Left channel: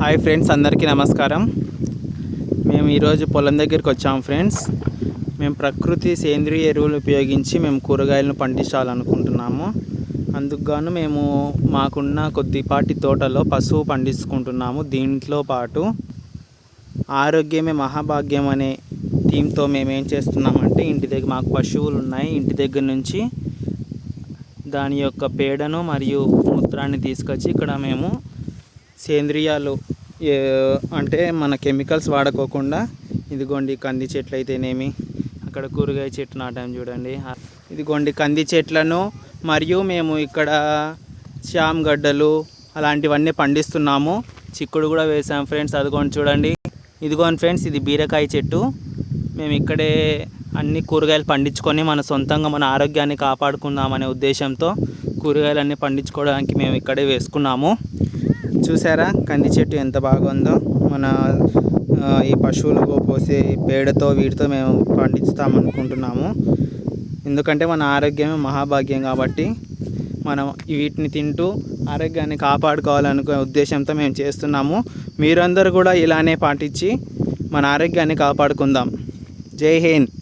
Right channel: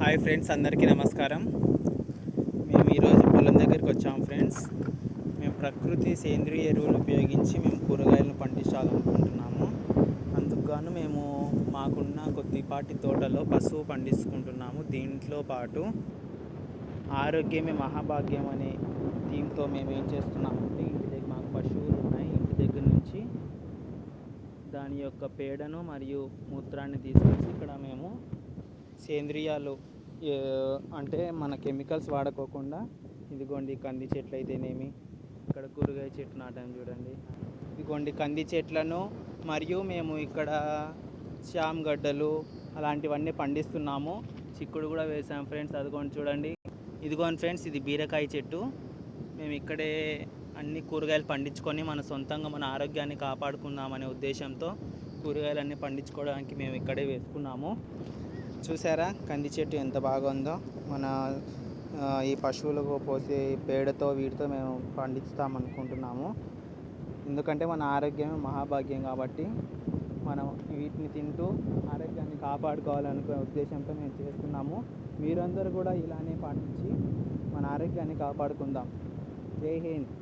Hi friends అందరికీ నమస్కారం. మేము ఈరోజు పొలం దగ్గరికి వచ్చాము ఫ్రెండ్స్. మేము ప్రకృతి సేంద్రియ ఎరువులు ఉపయోగించి మేము కూరగాయలను పండించాలనుకుంటున్నాము. అందుకుగాను మేము మాకున్న కొద్దిపాటి తోటలో పశువు పండించుకుంటున్నాము. దీంట్లో పాటు ఆరోగ్యమే మహాభాగ్యం అనే థీమ్తో మేము ఏం చేస్తున్నామంటే ఇంటి దగ్గర మాకు పశువులు ఉన్నాయి. ఇంటి దగ్గర నుంచి దాని యొక్క పేడను మరియు మూత్రాన్ని తీసుకొచ్చి ఇక్కడ మేము సేంద్రియాలు అంటే మన కెమికల్స్ వాడుకోకుండా ఇదిగోండి కంది చెట్లు అయితేనేమి అక్కడ కూరగాయ చెట్టు నాటాం చూడండి. ఇదిగోండి కంది చెట్లను మరియు మేము ఇక్కడ శ్యామ్ గడ్డలు అలాంటివన్నీ పండిస్తున్నాము. చిక్కుడు కూడా వేసాం ఫ్రెండ్స్ అదిగోండి చూడండి. ఇదిగోండి ఫ్రెండ్స్ ఇది బీరకాయ చెట్టు. మేము ఇక్కడే అన్ని కూరగాయలు పండించుకొని మన సొంతంగా మన ఆరోగ్యాన్ని కాపాడుకుందామనే ఉద్దేశంతో కూరగాయలన్నీ పండించుకోవడానికి మేము ఇక్కడే వేసుకున్నాము. చూసారా? కంది చెట్టు ఎంత బాగుందో. మన ఈ పశువులకు పోసే పేడతో వీటితో మేము పండిస్తామనుకుంటున్నాము. ఎందుకంటే మన ఆరోగ్యమే మహాభాగ్యం కాబట్టి మనం వీటిని తింటూ ఆరోగ్యాన్ని కాపాడుకోవాలనుకునే ఉద్దేశంతో మేము చేస్తున్నాము. మీరందరూ కూడా ఇలానే పాటించి మన ఆరోగ్యాన్ని కాపాడుకుందాం. జై హింద్.